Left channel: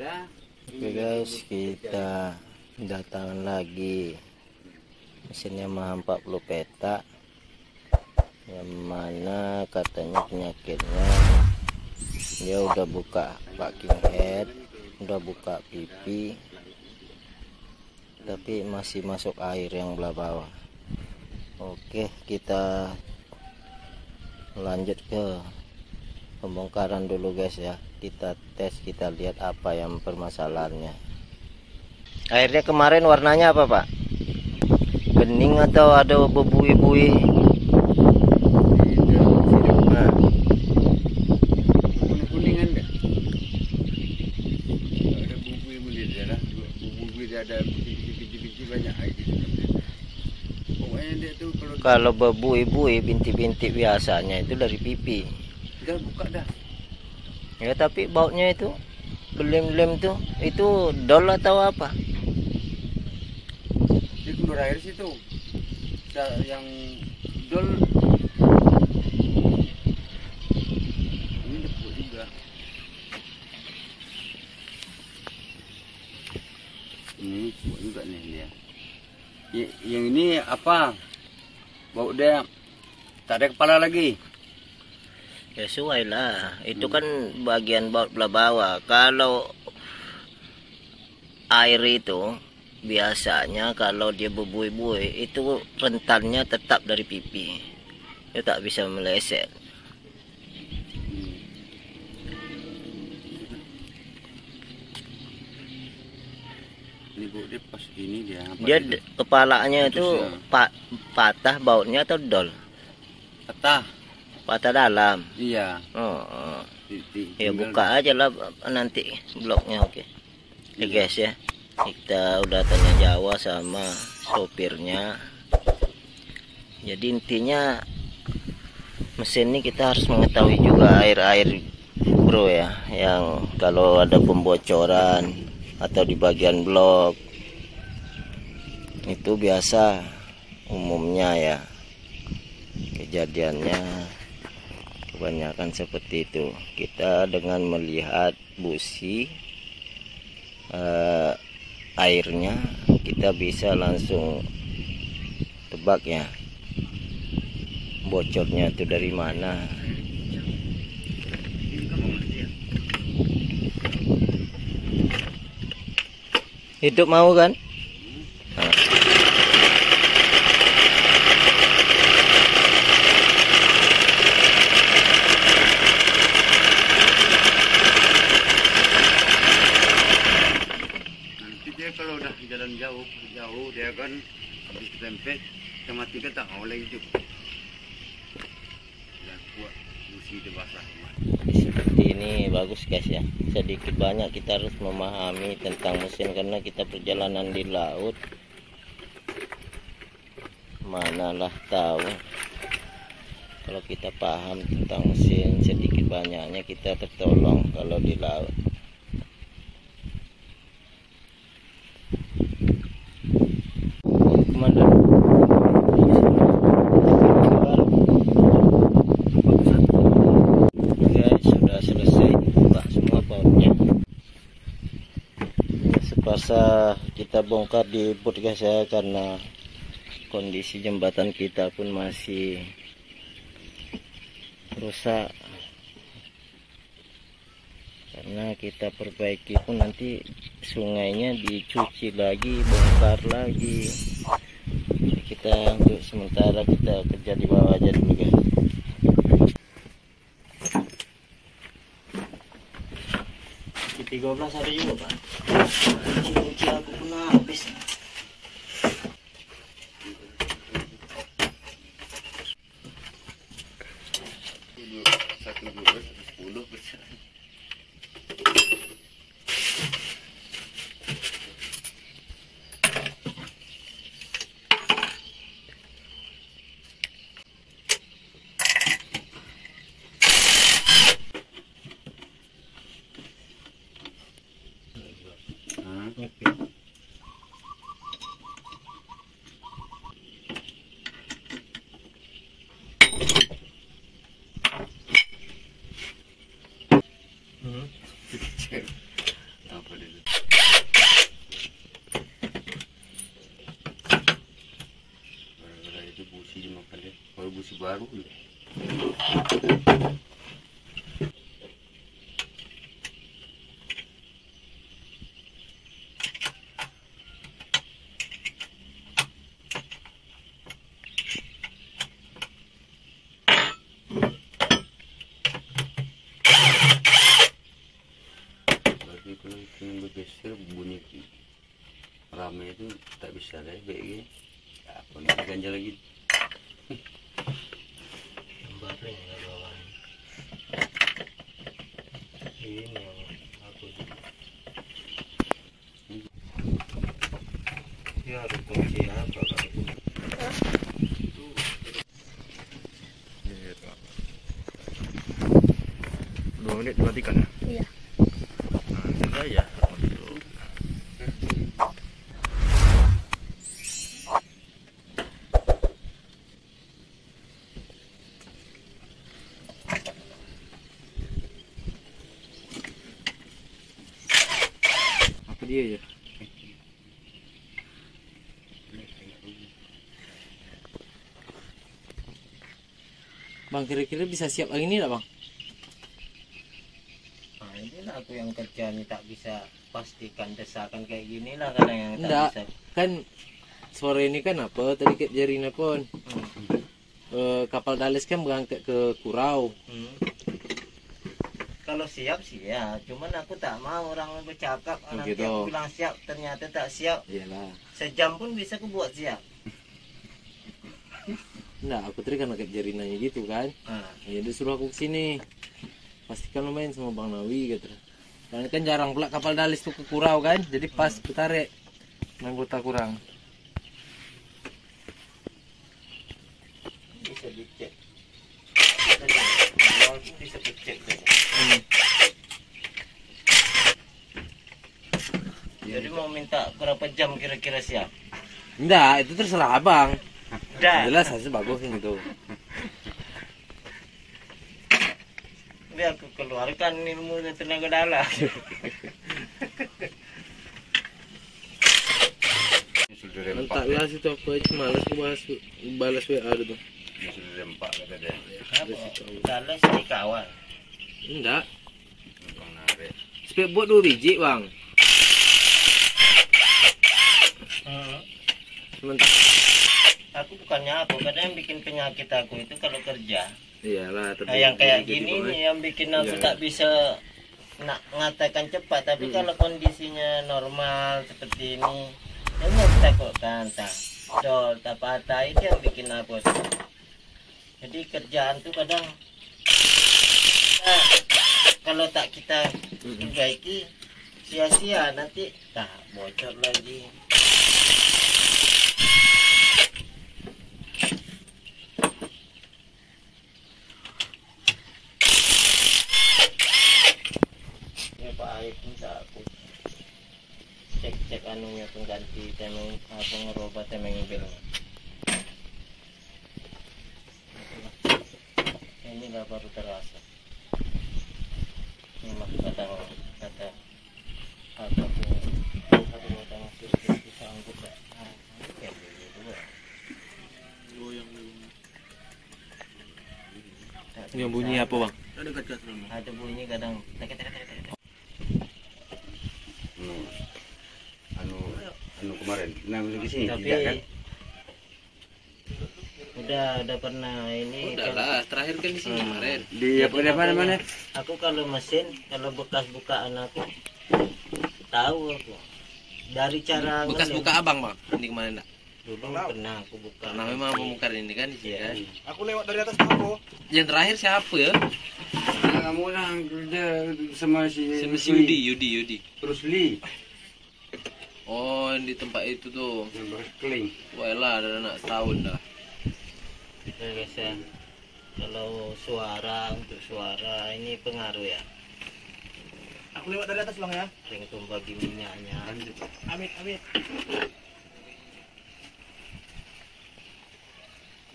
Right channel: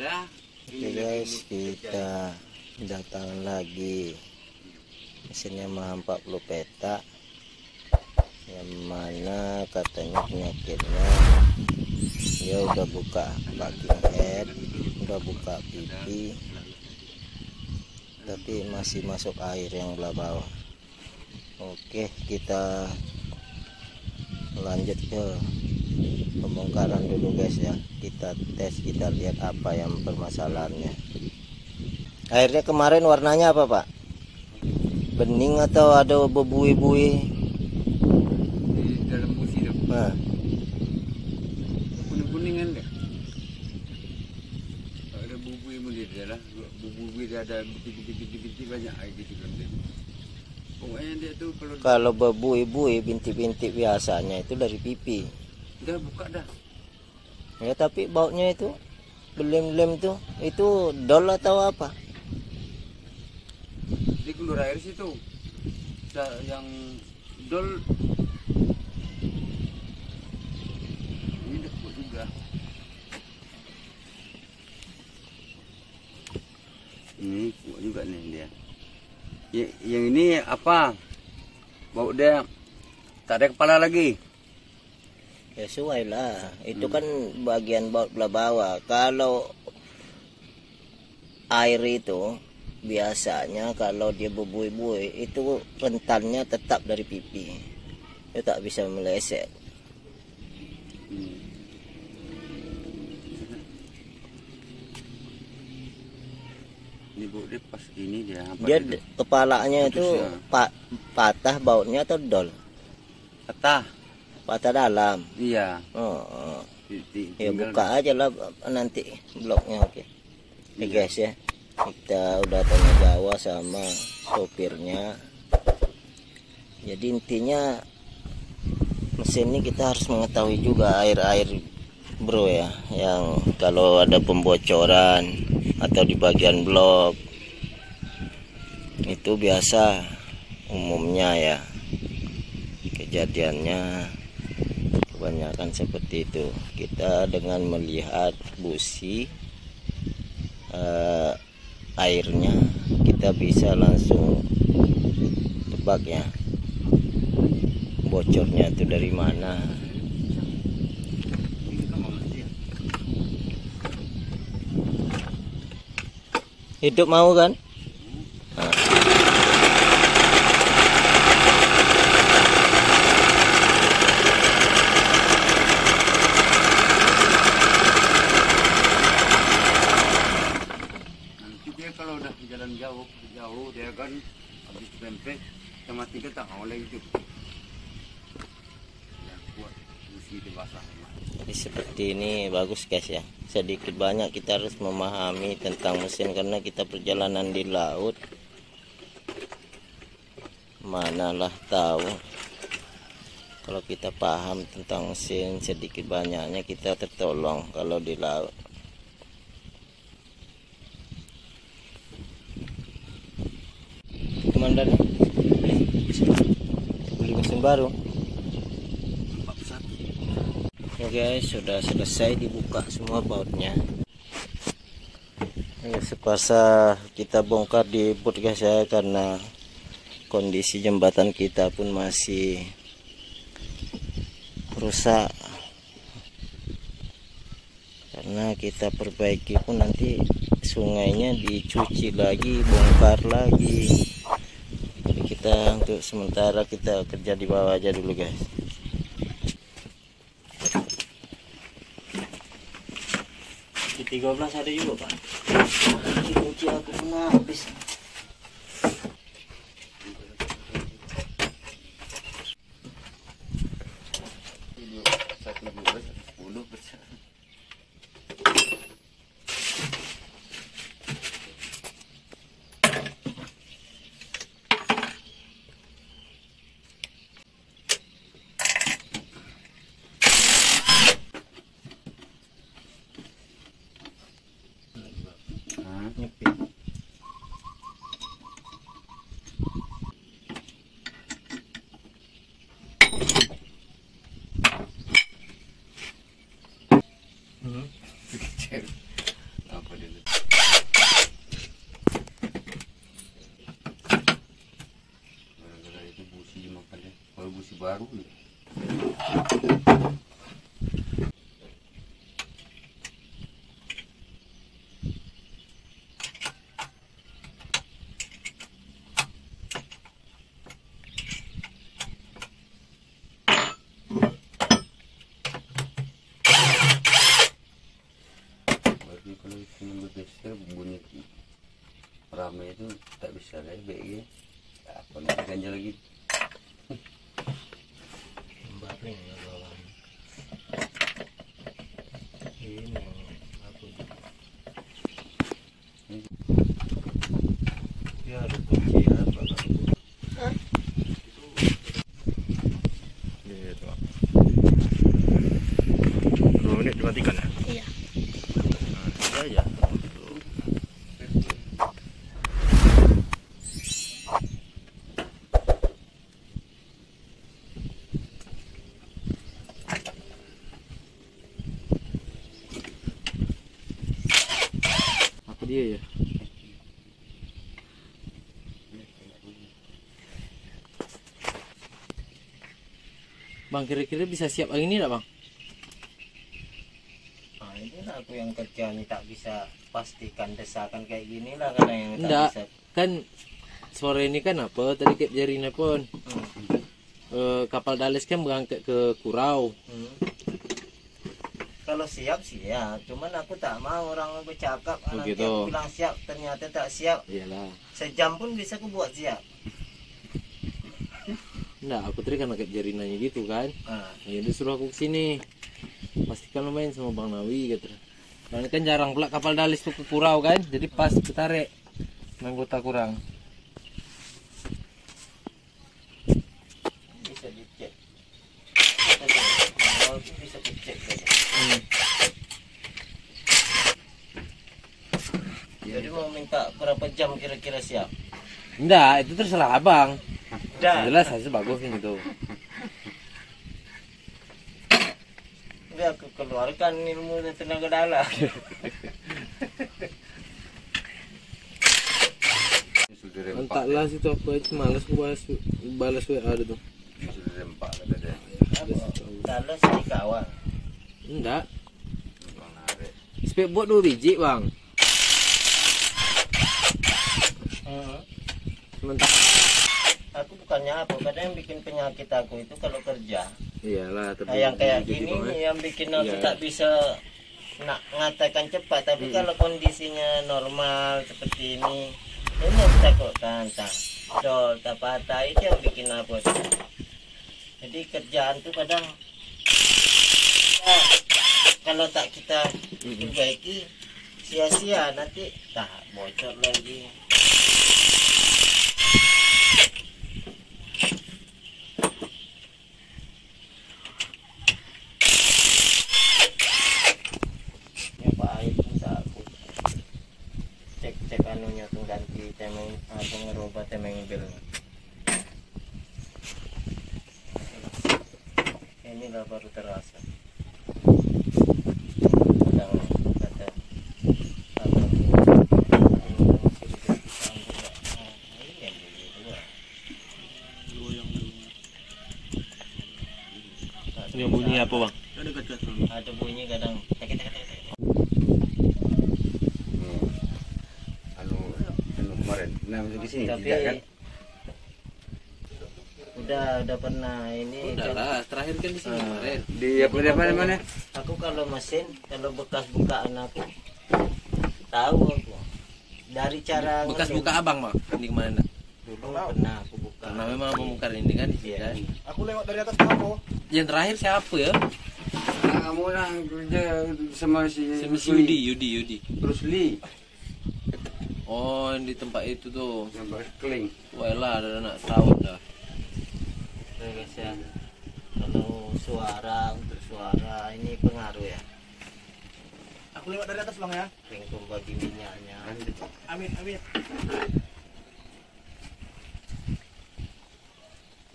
Oke guys, kita datang lagi mesin Yamaha 40 petak, yang mana katanya penyakitnya dia udah buka backing head, udah buka pipi, tapi masih masuk air yang belah bawah. Oke, kita lanjut ke pembongkaran dulu guys ya. Kita tes, kita lihat apa yang permasalahannya. Airnya kemarin warnanya apa Pak? Bening atau ada bebui-bui? Nah. Kuningan kan? Ada bubui mulia lah. Bubui dia ada binti-binti banyak air gitu. Pokoknya dia tuh kalau bebui-bui bintik-bintik biasanya itu dari pipi. Udah buka dah. Ya tapi baunya itu belem-belem tuh, itu dol atau apa? Di keluar air situ. Yang dol ini dekat juga. Ini kuat juga nih dia. Yang ini apa? Bau dia tak ada kepala lagi. Ya sesuai lah, itu kan bagian belah bawah. Kalau air itu biasanya kalau dia bebui-bui itu rentannya tetap dari pipi, dia tak bisa meleset. Ini bau dia pas ini dia. Dia kepalanya itu patah bautnya atau dol? Patah dalam. Iya. Oh. Ya buka aja lah nanti bloknya. Oke. Ya guys ya, kita udah tanya jawab sama sopirnya. Jadi intinya mesin ini kita harus mengetahui juga air bro ya, yang kalau ada pembocoran atau di bagian blok itu biasa umumnya ya kejadiannya kebanyakan seperti itu. Kita dengan melihat busi airnya kita bisa langsung tebak ya bocornya itu dari mana. Hidup mau kan? Kalau udah jalan jauh dia kan habis tempe sama tiga tak oleh hidup. Ya kuat busi itu basah. Seperti ini bagus guys ya. Sedikit banyak kita harus memahami tentang mesin karena kita perjalanan di laut. Manalah tahu kalau kita paham tentang mesin, sedikit banyaknya kita tertolong kalau di laut. Komandan mesin baru ya guys, sudah selesai dibuka semua bautnya ya. Sepasa kita bongkar di boot guys ya, karena kondisi jembatan kita pun masih rusak. Karena kita perbaiki pun nanti sungainya dicuci lagi, bongkar lagi. Jadi kita untuk sementara kita kerja di bawah aja dulu guys. Di 13 ada juga Pak. Kunci aku pun habis. baru. Lagi kalau tunggu geser bunyi ramai itu tak bisa lagi kayak gini. Apa nih ganjal lagi? Baring nggak bawaan. Ini yang aku ya ada kunci apa kalau Ini tuh. 2 menit dimatikan ya? Iya. Nah, ini aja untuk apa dia ya? Bang, kira-kira bisa siap hari ini enggak, Bang? nah, inilah aku yang kerja nih tak bisa pastikan desakan kayak gini lah kadang yang tak Enggak. bisa. Kan sore ini kan apa? Tadi Kak Jerina pun kapal Dales kan berangkat ke Kurau. Kalau siap siap, cuman aku tak mau orang bercakap nanti gitu. aku bilang siap ternyata tak siap. Iyalah. Sejam pun bisa aku buat siap. Enggak, aku tadi kan Kak Jerinanya gitu kan. Nah, Ya dia suruh aku kesini. Pastikan lo main sama Bang Nawi gitu. Dan kan jarang pula kapal Dalis tuh ke Kurau kan. Jadi pas ketarik anggota kurang. bisa dicek. Manual itu bisa dicek saja. Jadi mau minta berapa jam kira-kira siap? Enggak, itu terserah abang. Dah. Jelas hasil bagus gitu. Ini aku keluarkan ilmu dan tenaga dalam. Sudah rempak. Entahlah situ aku aja malas balas WA itu. Sudah rempak kata dia. Kalau sih kawan. Enggak. Bang narik. Spek buat 2 biji, Bang. Sementara Aku bukannya apa, kadang yang bikin penyakit aku itu kalau kerja. iyalah, Nah, yang kayak gitu, gini Bang. nih yang bikin aku Iya. tak bisa nak mengatakan cepat. Tapi kalau kondisinya normal seperti ini, memang kita kok tak dol, tak patah itu yang bikin aku tuh. Jadi kerjaan tuh kadang kalau tak kita perbaiki sia-sia, nanti tak bocor lagi. Ya Pak Aib pun tak aku cek anunya tuh ganti temeng apa ngerubah temeng belnya. Inilah baru terasa. Kadang kata ada sanggup nggak? Ini yang begitu lah. Yang bunyi apa, Bang? Ada bunyi kadang tek. Anu kemarin, nah lagi sini Tapi tidak kan? udah pernah ini Udah kan. lah, terakhir kan di sini kemarin. Di apa mana? Aku kalau mesin, kalau bekas bukaan aku tahu aku dari cara Bekas ngelem. buka abang, Bang. Ini kemarin. Dulu pernah aku buka. Karena memang pembongkar ini kan di sini Iya. kan. Aku lewat dari atas Maroko. Yang terakhir siapa ya? Kamu lah kerja sama si Yudi. Bruce Lee. Oh, yang di tempat itu tuh. Yang keling. Wah lah, ada anak setahun dah. Oke, guys ya. Kalau untuk suara ini pengaruh ya. Aku lewat dari atas Bang ya. Yang bagi minyaknya. Amin.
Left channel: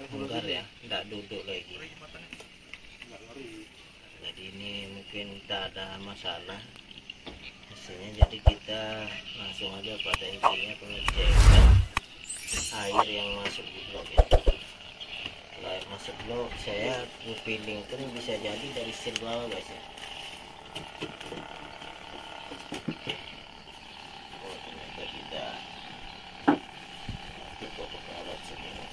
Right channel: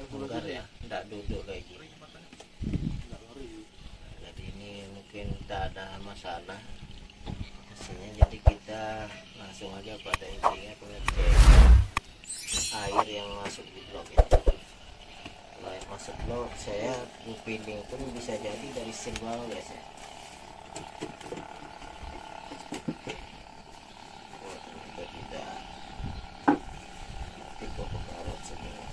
Bongkar ya, tidak duduk lagi. Jadi ini mungkin tidak ada masalah mesinnya, jadi kita langsung aja pada intinya pengecekan air yang masuk di blok ya. Lain masuk blok saya feeling pun bisa jadi dari seal bawah guys ya. Oh ternyata tidak. Tipe karet segini.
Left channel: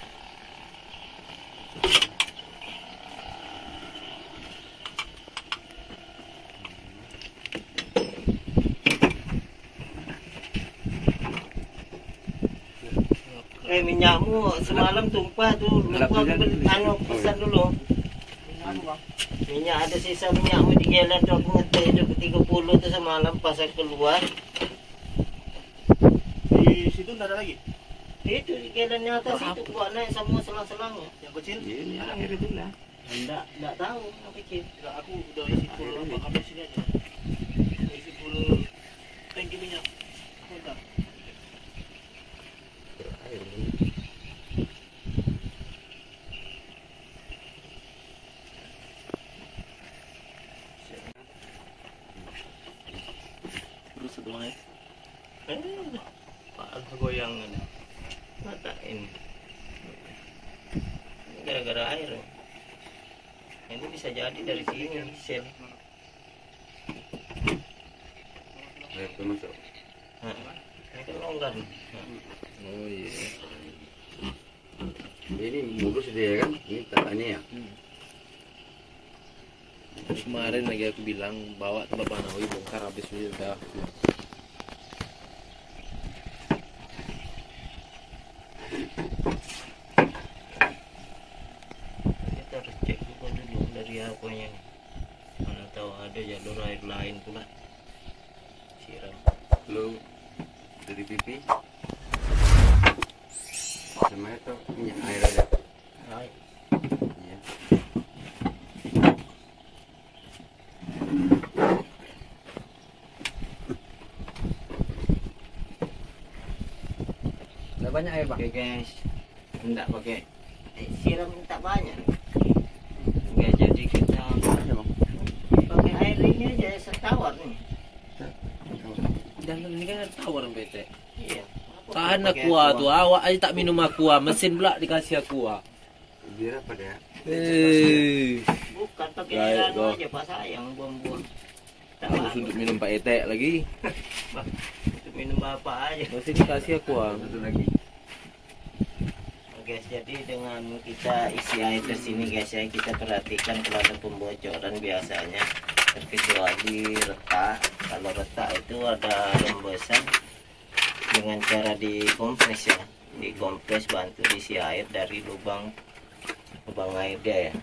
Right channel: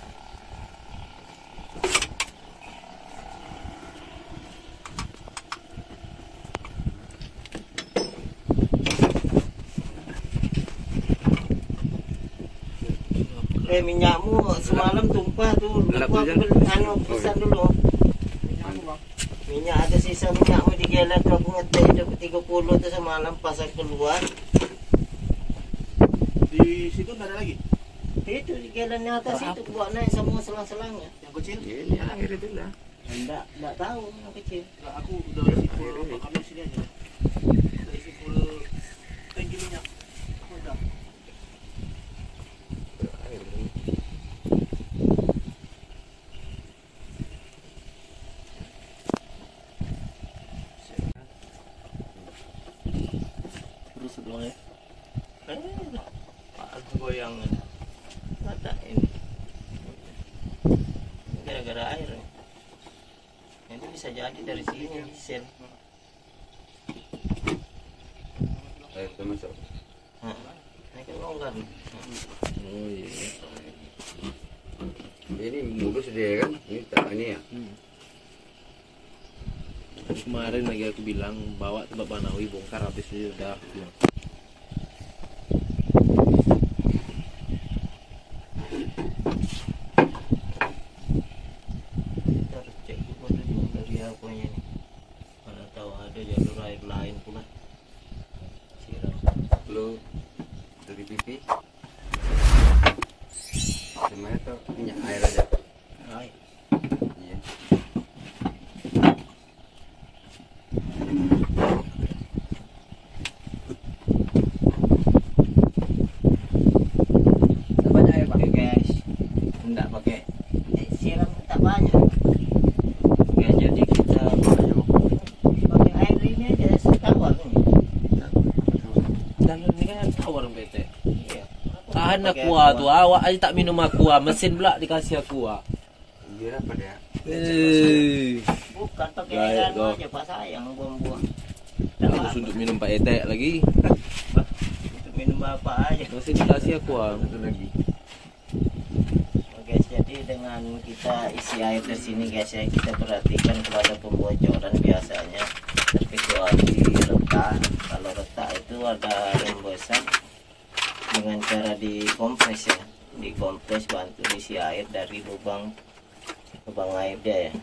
Minyakmu semalam tumpah tuh. Lupa aku pesan dulu. Minyak ada sisa minyakmu di gelan tuh, aku ngeteh itu ke 30 tuh semalam pas aku keluar. Di situ nggak ada lagi. Itu di gelannya atas itu buat naik semua selang-selangnya. Yang kecil? Iya, Ada itu lah. Enggak tahu yang kecil. Nggak, aku udah isi full apa kami sini aja. Udah isi full tangki minyak. Aku udah. Terus sebelumnya. Pak goyangan. Mata ini. Gara-gara air. Itu bisa jadi dari sini sel. Air tuh masuk. Ini kan longgar. Oh iya. Ini mulus dia kan, ini tak ini ya. Kemarin lagi aku bilang bawa ke Banawi bongkar habis dulu udah. Kita harus cek juga dulu dari apanya. Mana tahu ada jalur air lain pula. Siram. Lu dari pipi. Semuanya tuh minyak air aja. Air. Iya. Udah banyak air, Pak. Oke guys, enggak pakai siram tak banyak. Oke, jadi kita pakai air ini aja setawar nih. Dan ini kan tawar bete. Iya. Tahan Pakai aqua aqua. tuh, awak aja tak minum aqua, mesin pula dikasih aqua. Biar apa dia? Bukan pakai Baik, air kok. aja Pak sayang buang-buang. Terus untuk minum Pak Etek lagi, Untuk minum bapak aja. mesin dikasih aqua. Satu lagi. Guys, jadi dengan kita isi air ke sini guys ya, kita perhatikan kalau ada pembocoran biasanya terkecuali retak. Kalau retak itu ada rembesan dengan cara dikompres ya, dikompres bantu diisi air dari lubang air dia ya.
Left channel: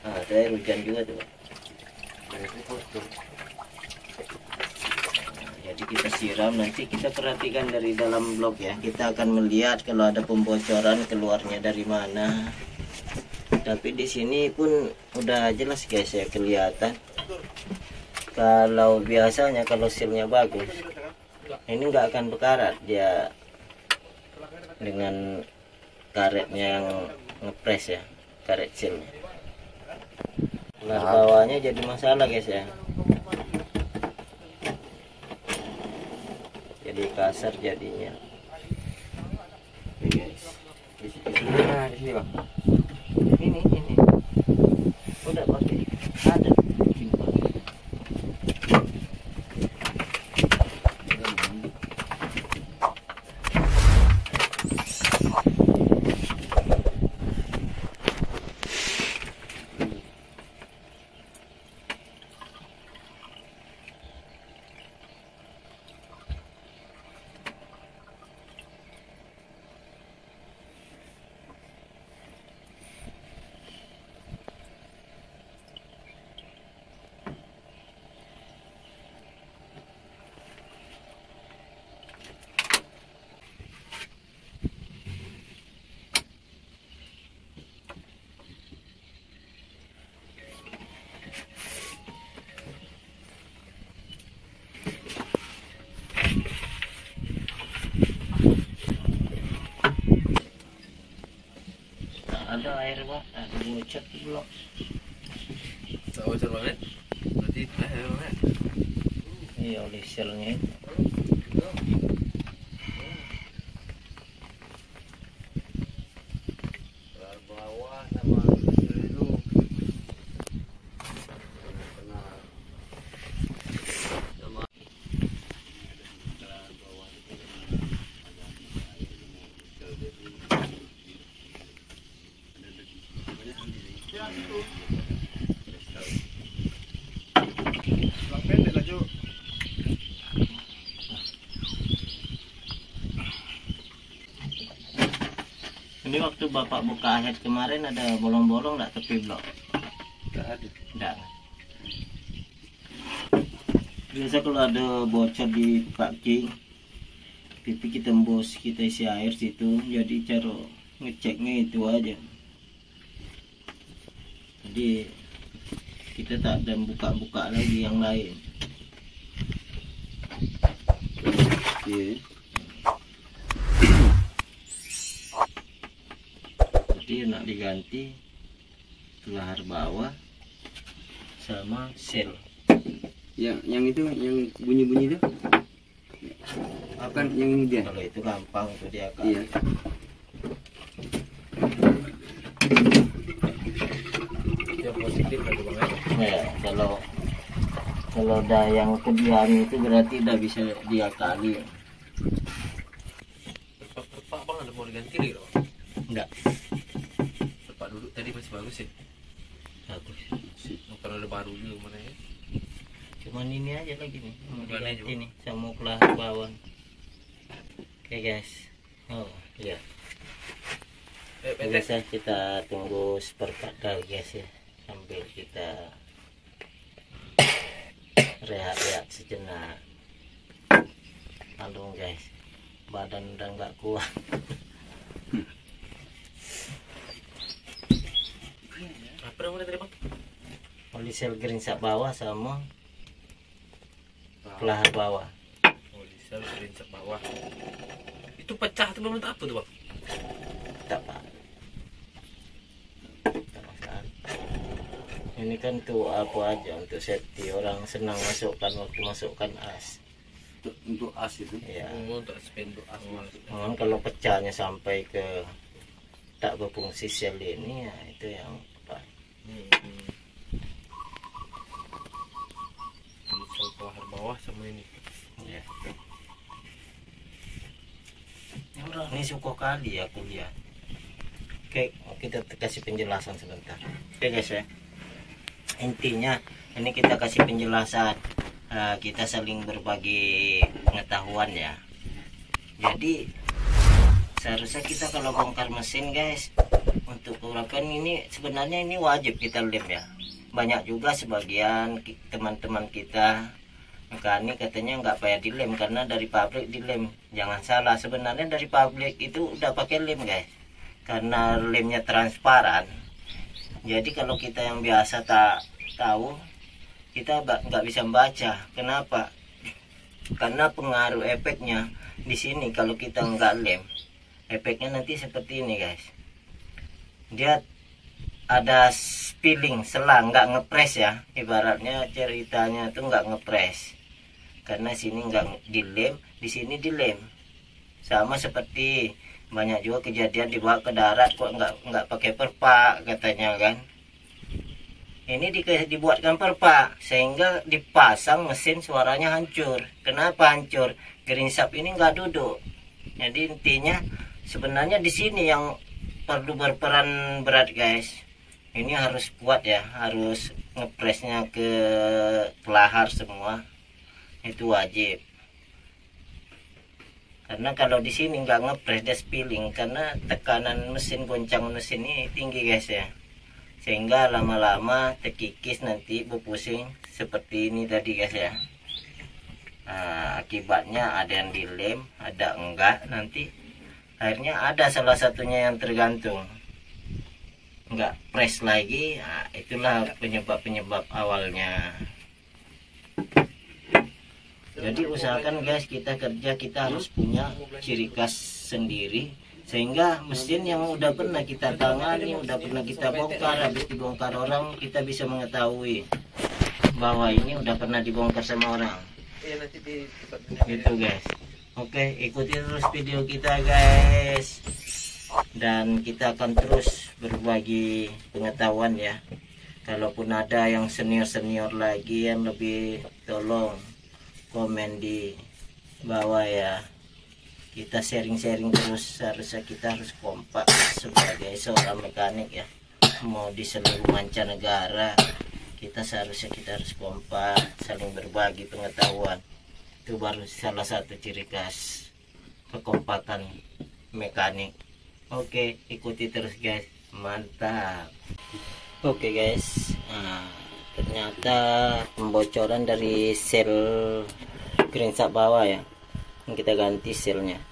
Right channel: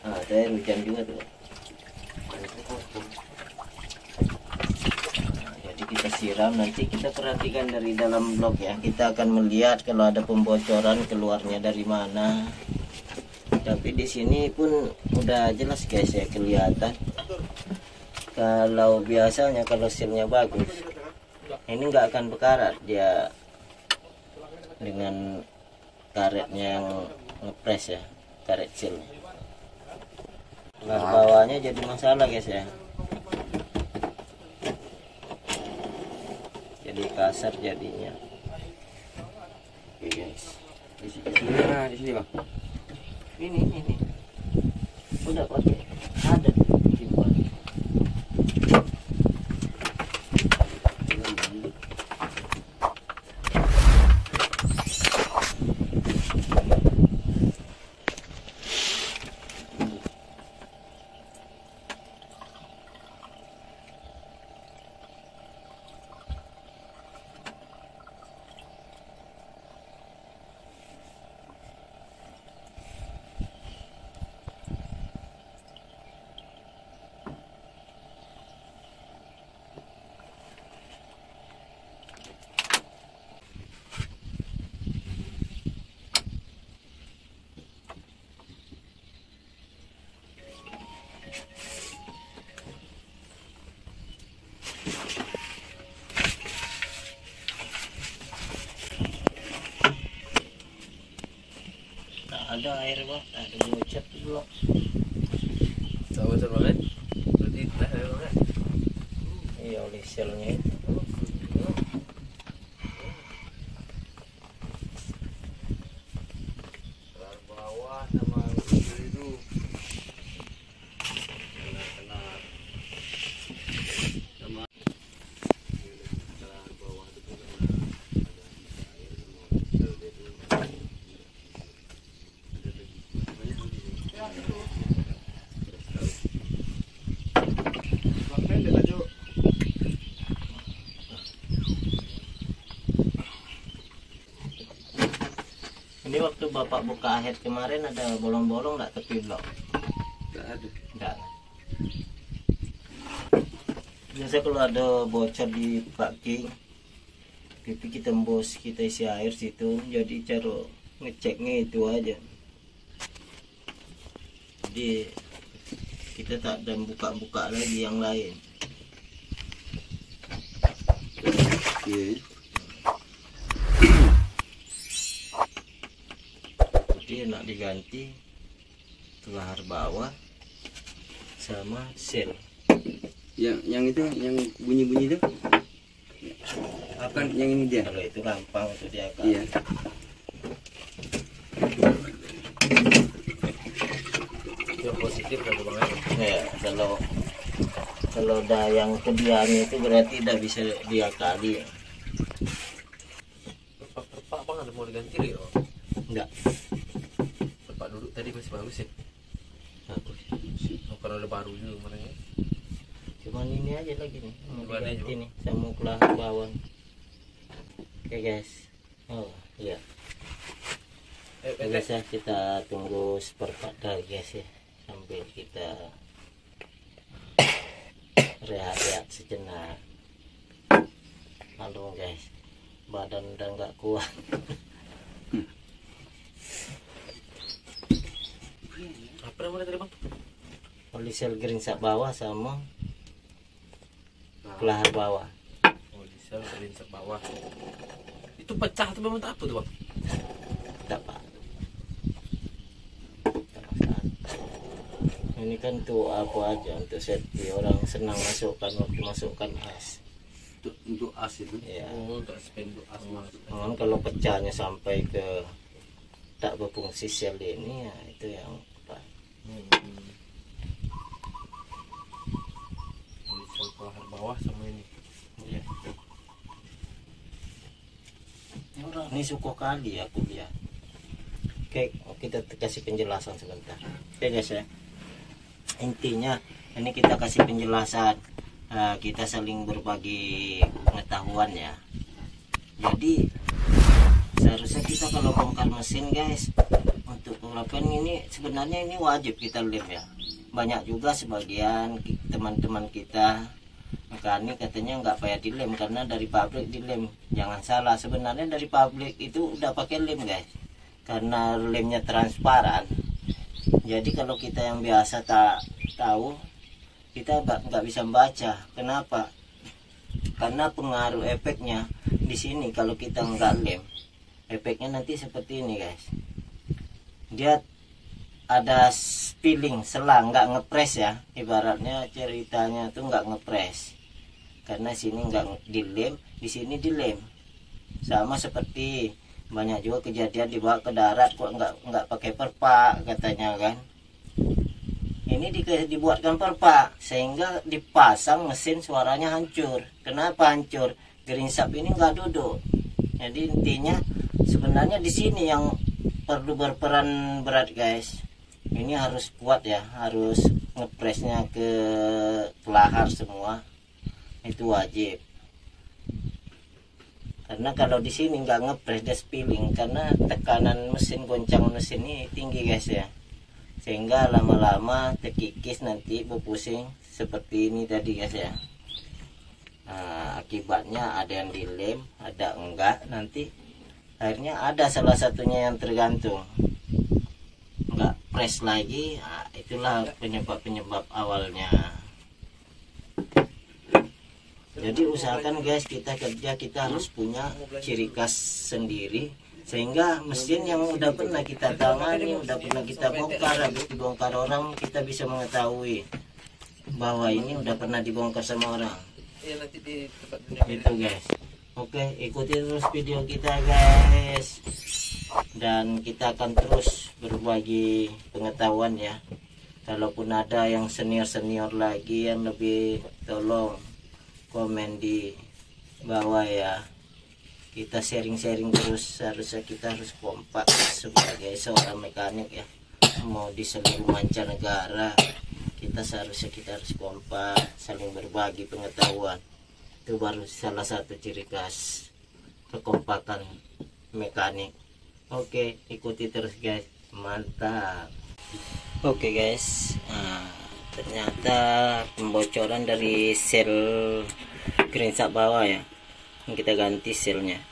Nah, saya hujan juga tuh. Jadi kita siram, nanti kita perhatikan dari dalam blok ya. Kita akan melihat kalau ada pembocoran keluarnya dari mana. Tapi di sini pun udah jelas guys ya, kelihatan. Kalau biasanya kalau sealnya bagus, ini nggak akan berkarat dia dengan karetnya yang ngepres ya, karet sealnya. Kelar bawahnya jadi masalah guys ya. Jadi kasar jadinya. Oke guys. Nah, di sini, Bang. Ini. Udah pakai ada simpan. Ada air Pak, ada ngucap di blok. Tahu banget. Berarti dah banget. Iya oleh selnya. Kelar bawah Ini waktu bapak buka akhir kemarin ada bolong-bolong nggak tepi blok? Nggak ada. Nggak. Biasa kalau ada bocor di paki, itu kita tembus, kita isi air situ. Jadi cara ngeceknya itu aja. Jadi kita tak ada buka-buka lagi yang lain. Iya. Jadi nak diganti kelahar bawah sama sel. Yang itu, yang bunyi-bunyi itu. Kan yang ini dia. Kalau itu gampang itu dia kan. Iya. Yang positif kan bang. Ya, kalau udah yang kediaannya itu berarti udah bisa diakali. Pak bang ada mau diganti nih loh. Enggak. Pak duduk tadi masih bagus ya. Satu. Bukan ada barunya kemarin ya. Cuman ini aja lagi nih. Mau Bukan diganti aja, nih sama kelahar bawah. Oke guys. Oh iya. Oke guys ya, kita tunggu seperempat lagi guys ya. Sambil kita rehat-rehat sejenak. Lalu guys, badan udah nggak kuat. Apa namanya tadi bang? Polisel geringsap bawah sama kelahar bawah. Oh diesel geringsap bawah. Itu pecah tuh bang, apa tuh bang? Tak pak. Ini kan tuh apa aja untuk safety, orang senang masukkan waktu masukkan as. Untuk as itu. Ya. Oh untuk spenduk as. Mohon kalau pecahnya sampai ke tak berfungsi sel ini ya itu yang apa? Diesel kelahar bawah sama ini. Ya. Ini suka kali aku lihat. Oke, kita kasih penjelasan sebentar. Oke guys ya. Intinya ini kita kasih penjelasan. Kita saling berbagi pengetahuan ya. Jadi seharusnya kita kalau bongkar mesin guys, untuk urapan ini sebenarnya ini wajib kita lem ya. Banyak juga sebagian teman-teman kita mekanik katanya nggak payah dilem karena dari pabrik dilem. Jangan salah, sebenarnya dari pabrik itu udah pakai lem guys, karena lemnya transparan. Jadi kalau kita yang biasa tak tahu, kita nggak bisa membaca. Kenapa? Karena pengaruh efeknya di sini kalau kita nggak lem, efeknya nanti seperti ini guys. Dia ada spilling, selang, nggak ngepres ya. Ibaratnya ceritanya tuh nggak ngepres. Karena sini nggak dilem, di sini dilem. Sama seperti banyak juga kejadian dibawa ke darat kok nggak pakai perpak katanya kan. Ini dibuatkan perpak sehingga dipasang mesin suaranya hancur. Kenapa hancur? Geringsap ini nggak duduk. Jadi intinya sebenarnya di sini yang perlu berperan berat guys. Ini harus kuat ya, harus ngepresnya ke kelahar semua. Itu wajib. Karena kalau di sini nggak ngepres dia spilling karena tekanan mesin, goncang mesin ini tinggi guys ya, sehingga lama-lama terkikis nanti berpusing seperti ini tadi guys ya. Nah, akibatnya ada yang dilem, ada enggak, nanti akhirnya ada salah satunya yang tergantung nggak press lagi. Nah, itulah penyebab awalnya. Jadi usahakan guys, kita kerja kita harus punya ciri khas sendiri, sehingga mesin yang udah pernah kita tangani, udah pernah kita bongkar, habis dibongkar orang, kita bisa mengetahui bahwa ini udah pernah dibongkar sama orang. Gitu guys. Oke, ikuti terus video kita guys, dan kita akan terus berbagi pengetahuan ya. Kalaupun ada yang senior lagi yang lebih, tolong komen di bawah ya. Kita sharing-sharing terus. Harusnya kita harus kompak sebagai seorang mekanik ya. Mau di seluruh mancanegara, kita seharusnya kita harus kompak, saling berbagi pengetahuan. Itu baru salah satu ciri khas kekompakan mekanik. Oke, ikuti terus guys, mantap. Oke guys, nah, ternyata pembocoran dari sel greensack bawah ya, kita ganti selnya.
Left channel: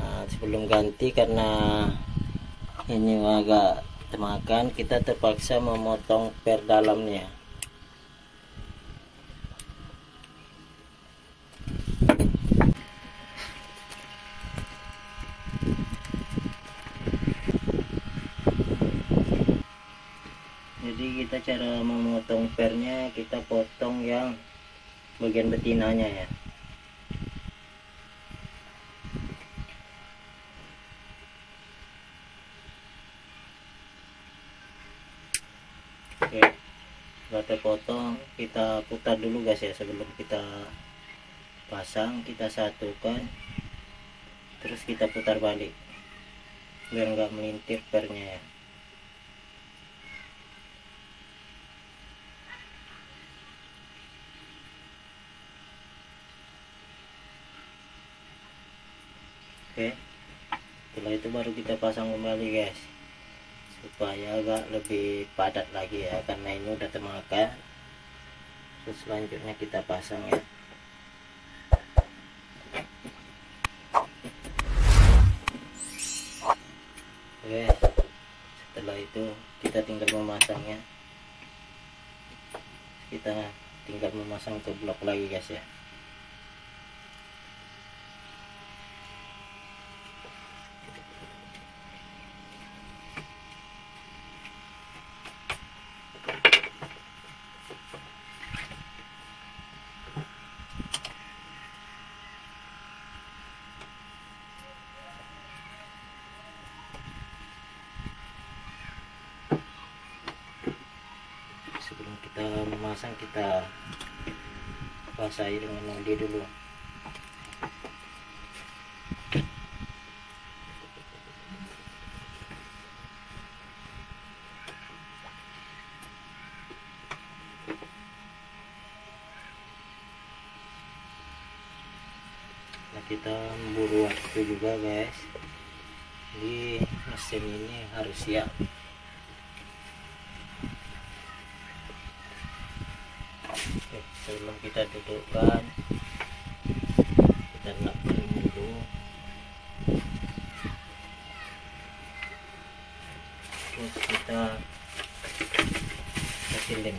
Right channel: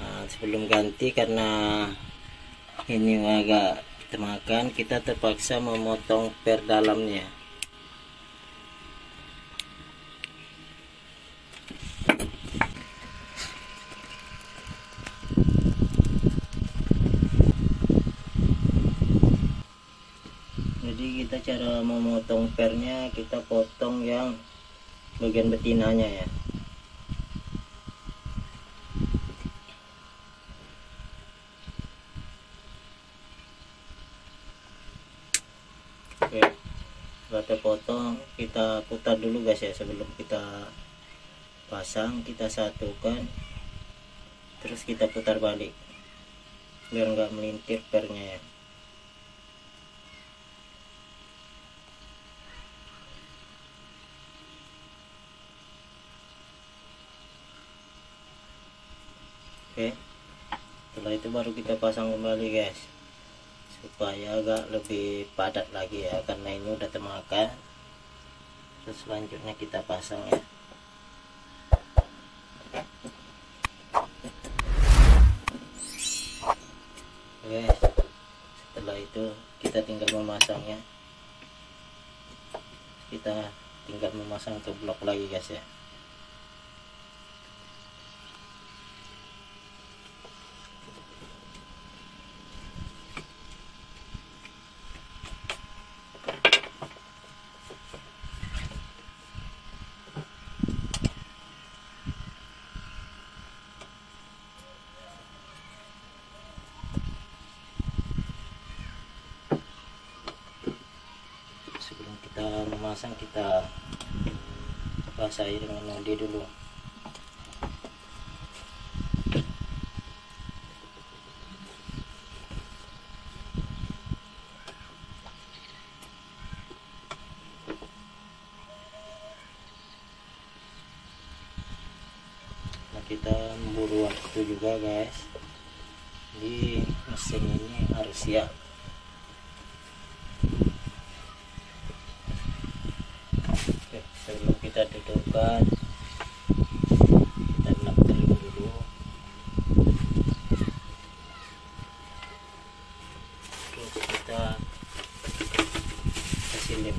Nah, sebelum ganti karena ini agak temakan, kita terpaksa memotong per dalamnya. Jadi kita cara memotong pernya, kita potong yang bagian betinanya ya. Oke, setelah terpotong kita putar dulu guys ya, sebelum kita pasang. Kita satukan, terus kita putar balik biar nggak melintir pernya ya. Oke, setelah itu baru kita pasang kembali guys, supaya agak lebih padat lagi ya, karena ini udah termakan. Terus selanjutnya kita pasang ya. Oke, setelah itu kita tinggal memasangnya. Kita tinggal memasang ke blok lagi guys ya. Sebelum kita memasang, kita basahi dengan mandi dulu. Nah, kita memburu waktu juga guys, di mesin ini harus siap. Oke, sebelum kita dudukkan, kita napkan dulu. Terus kita kasih lem.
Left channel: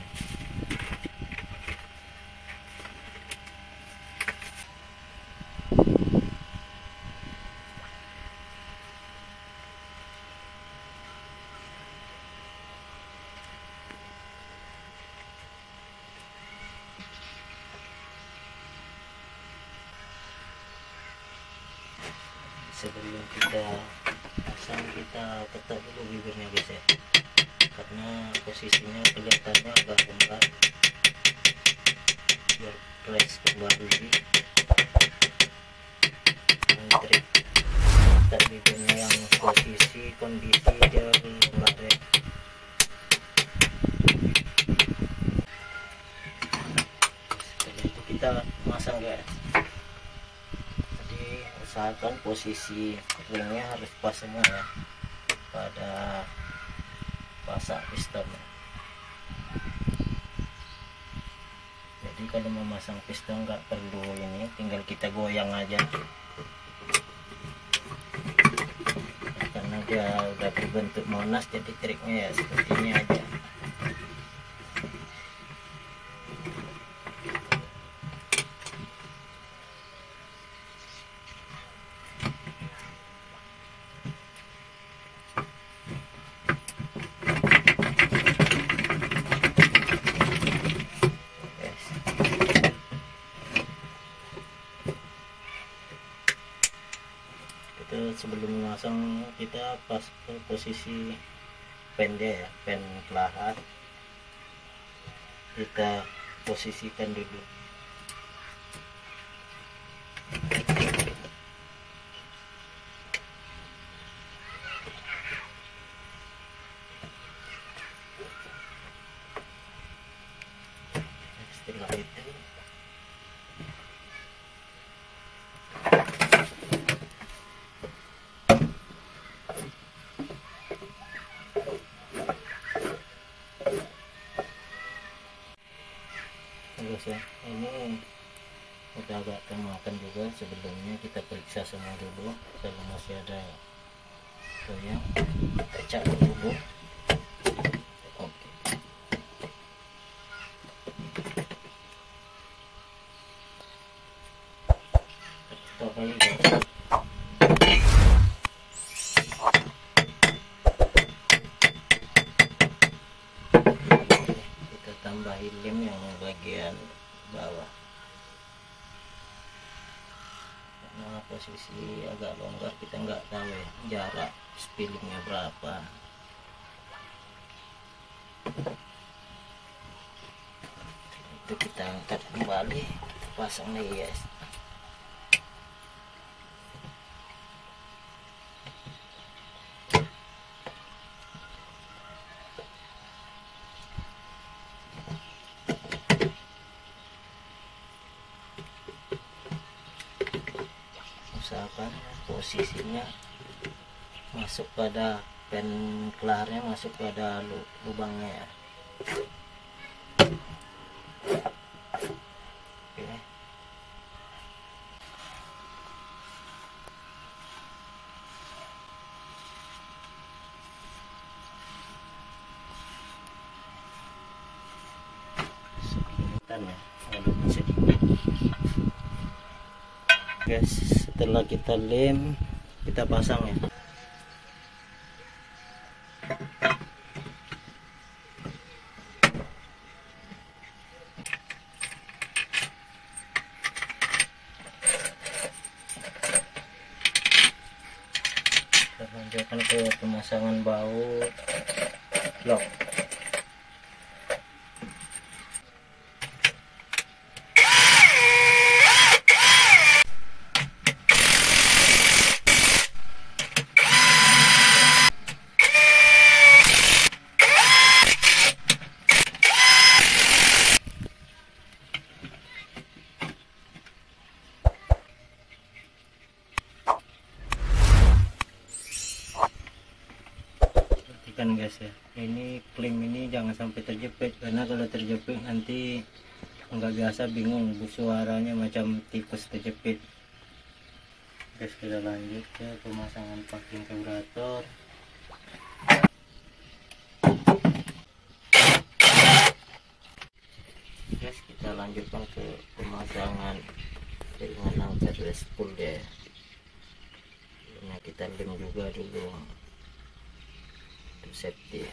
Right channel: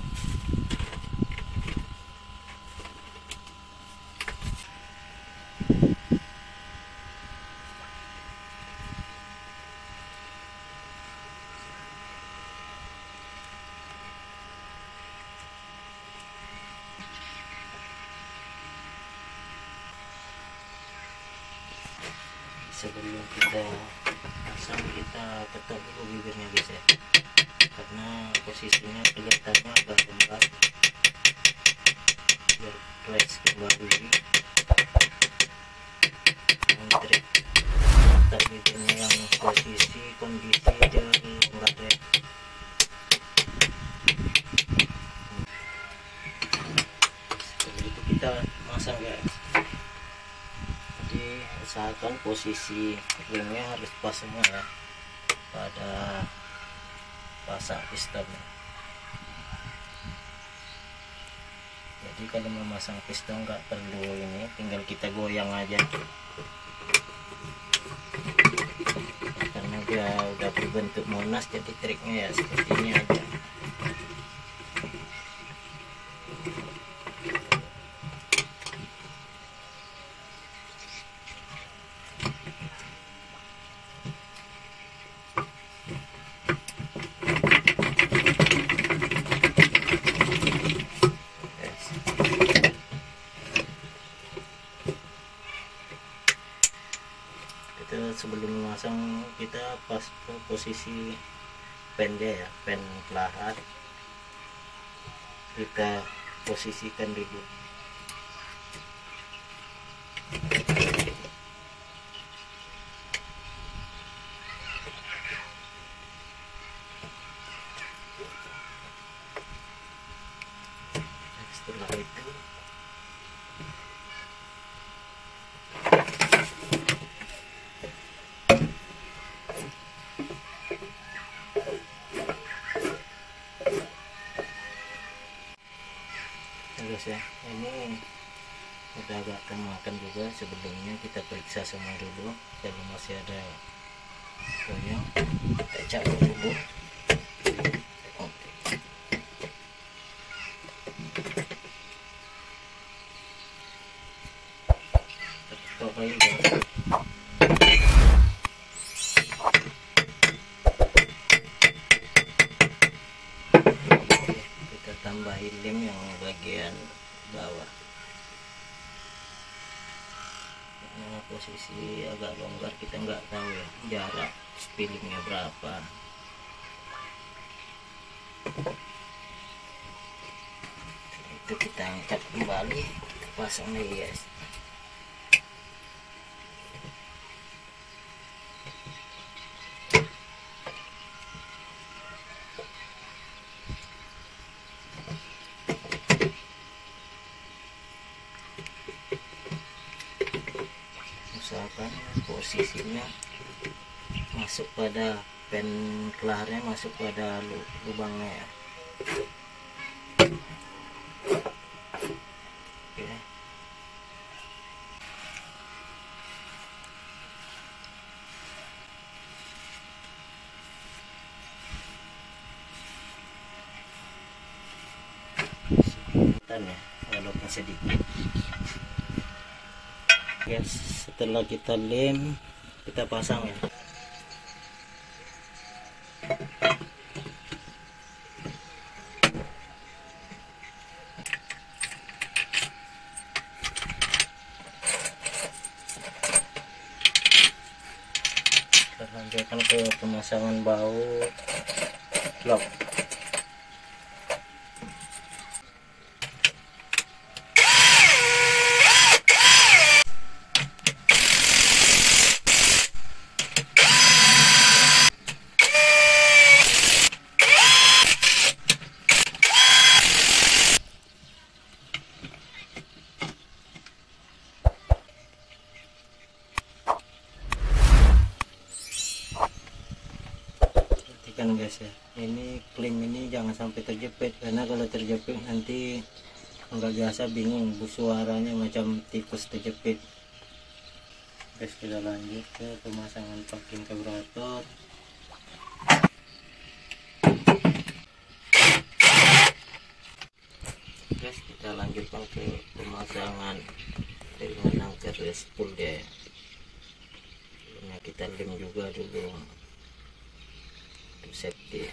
Sebelum kita pasang, kita ketuk dulu bibirnya guys ya, karena posisinya kelihatannya agak longgar, biar fresh kembali. Trik ketuk bibirnya yang posisi kondisi dia longgar ya. Setelah itu kita masang guys. Usahakan posisi ringnya harus pas semua ya pada pasak piston. Jadi kalau memasang piston nggak perlu ini, tinggal kita goyang aja, karena dia udah berbentuk monas. Jadi triknya ya seperti ini aja. Sebelum memasang, kita pas posisi pen dia ya, pen pelahat kita posisikan dulu. Setelah itu kita agak temakan juga. Sebelumnya kita periksa semua dulu kalau masih ada goyang, kita cabut dulu. Oke. Kita tambahin lem yang bagian bawah. Karena posisi agak longgar, kita nggak tahu ya jarak spillingnya berapa. Itu kita angkat kembali, kita pasang lagi guys. Usahakan posisinya masuk pada pen kelarnya, masuk pada lubangnya ya. Oke. Ya, walaupun sedikit. Guys, setelah kita lem, kita pasang ya. Kita lanjutkan ke pemasangan baut lock. Kan guys ya, ini klem ini jangan sampai terjepit, karena kalau terjepit nanti nggak biasa, bingung, suaranya macam tikus terjepit. Guys, kita lanjut ke pemasangan packing karburator. Guys, kita lanjutkan ke pemasangan dengan angker spool dia. Sebelumnya kita lem juga dulu untuk safety.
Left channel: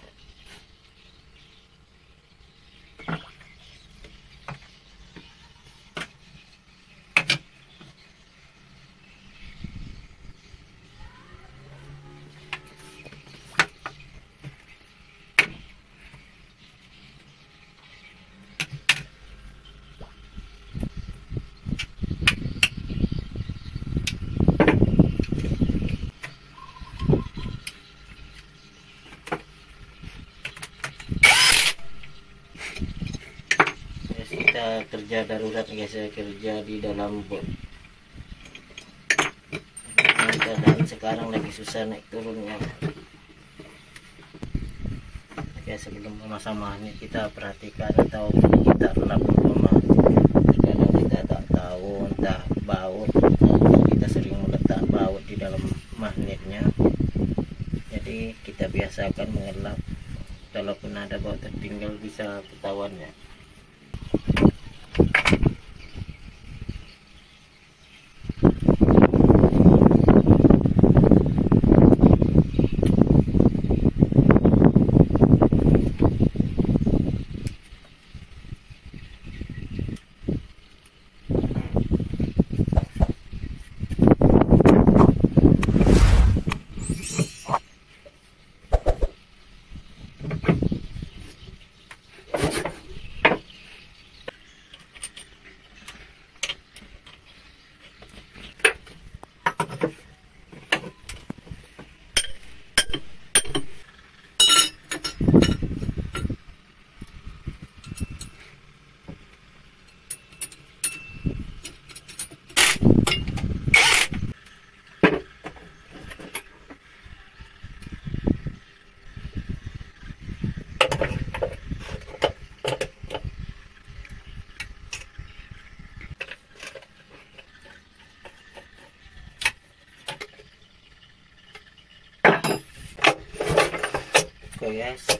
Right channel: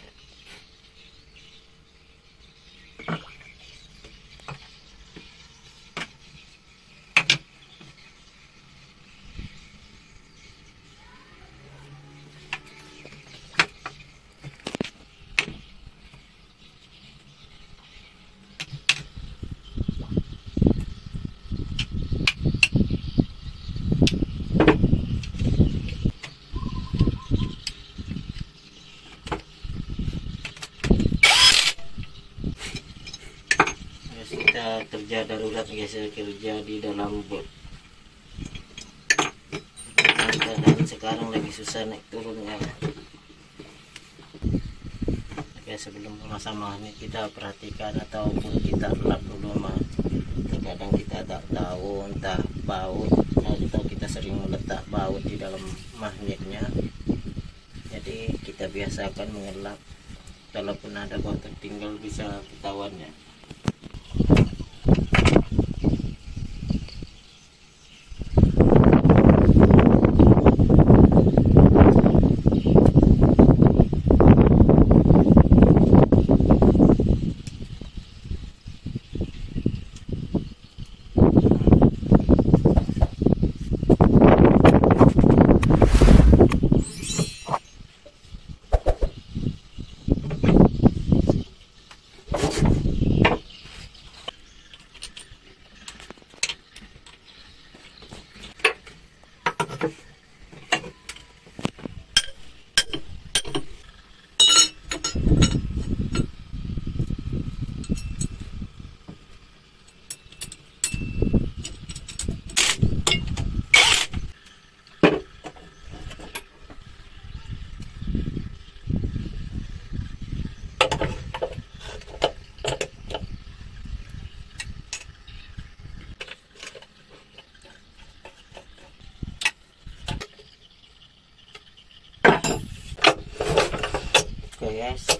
Kita kerja darurat guys ya, kerja di dalam bot. Keadaan sekarang lagi susah naik turunnya. Oke, sebelum memasang magnet kita perhatikan atau kita relap dulu. Kadang kita tak tahu entah baut, atau kita sering meletak baut di dalam magnetnya. Jadi kita biasakan mengelap, kalaupun ada baut tertinggal bisa ketahuan ya. guys,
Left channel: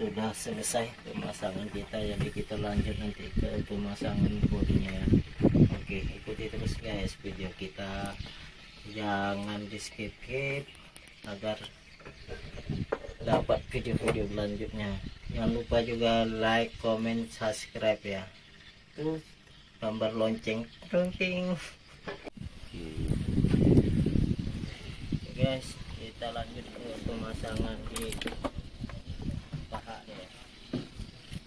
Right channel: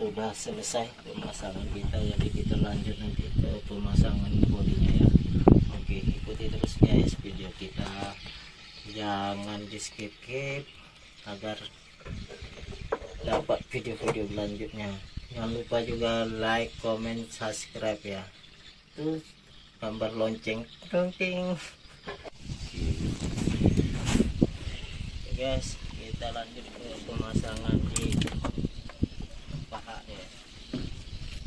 sudah selesai pemasangan kita, jadi kita lanjut nanti ke pemasangan bodinya ya. Oke, ikuti terus guys video kita, jangan di skip agar dapat video-video selanjutnya. Jangan lupa juga like, comment, subscribe ya. Tuh gambar lonceng dongking. Oke guys, kita lanjut ke pemasangan di paha ya.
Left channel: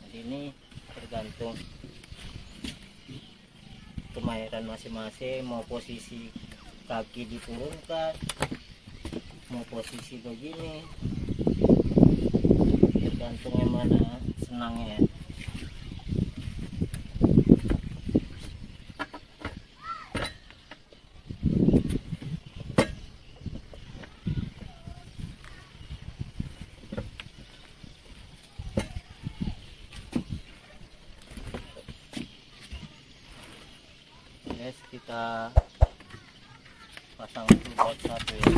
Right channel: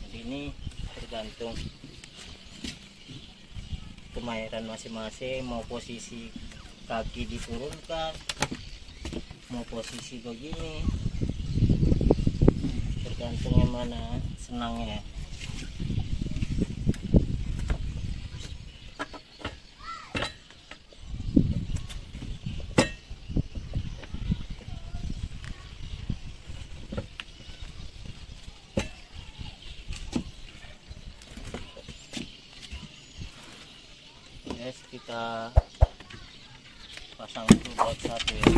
Jadi ini tergantung kemahiran masing-masing, mau posisi kaki diturunkan, mau posisi begini, tergantung yang mana senangnya. Guys, kita pasang dulu buat satu ya.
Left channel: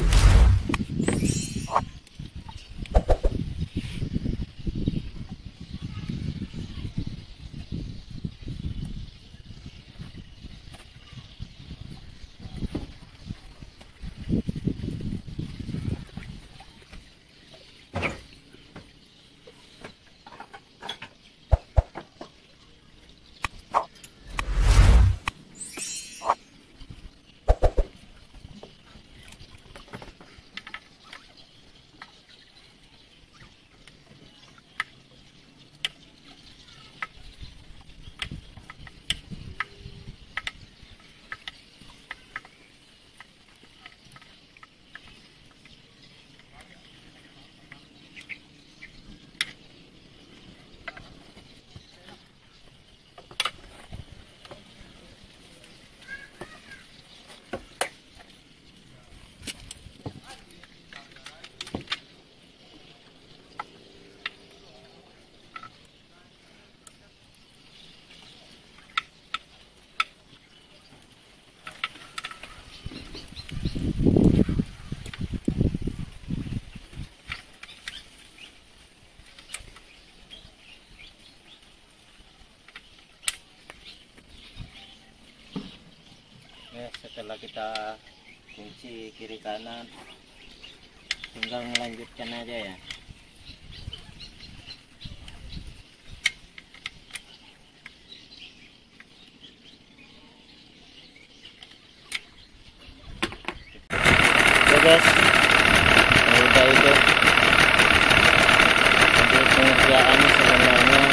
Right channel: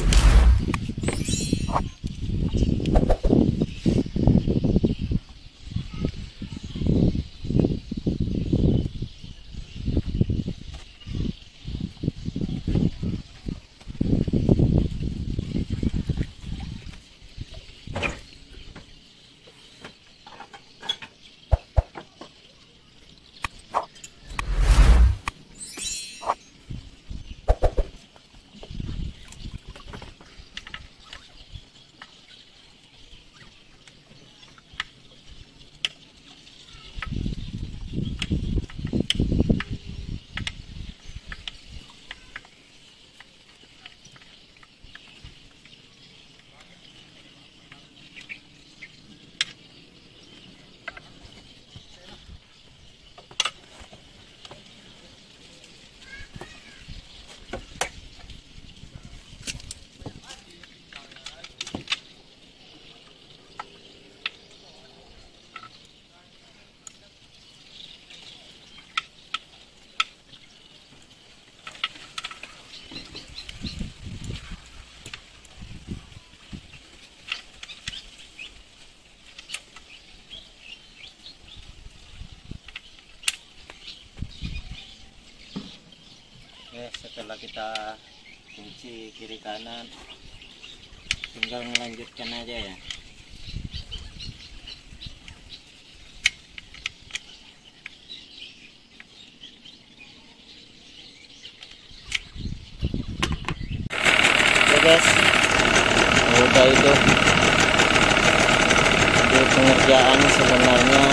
Setelah kita kunci kiri kanan, tinggal melanjutkan aja ya. Oke guys, udah itu. Jadi pengerjaan sebenarnya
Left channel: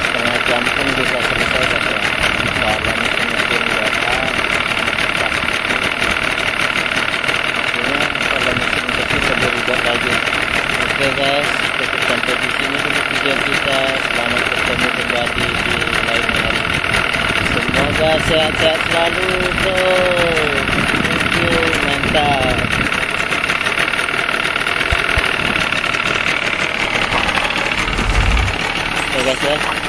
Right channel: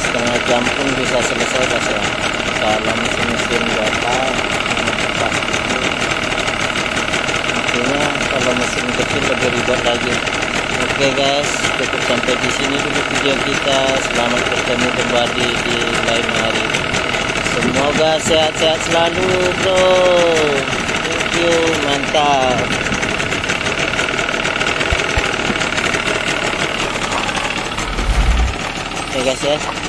setengah jam pun bisa selesai guys ya. Kalau mesin gatal, artinya kalau mesin kecil lebih ribet lagi. Oke guys, cukup sampai di sini dulu video kita. Selamat bertemu kembali di lain hari. Semoga sehat-sehat selalu bro. Thank you, mantap. Oke guys ya.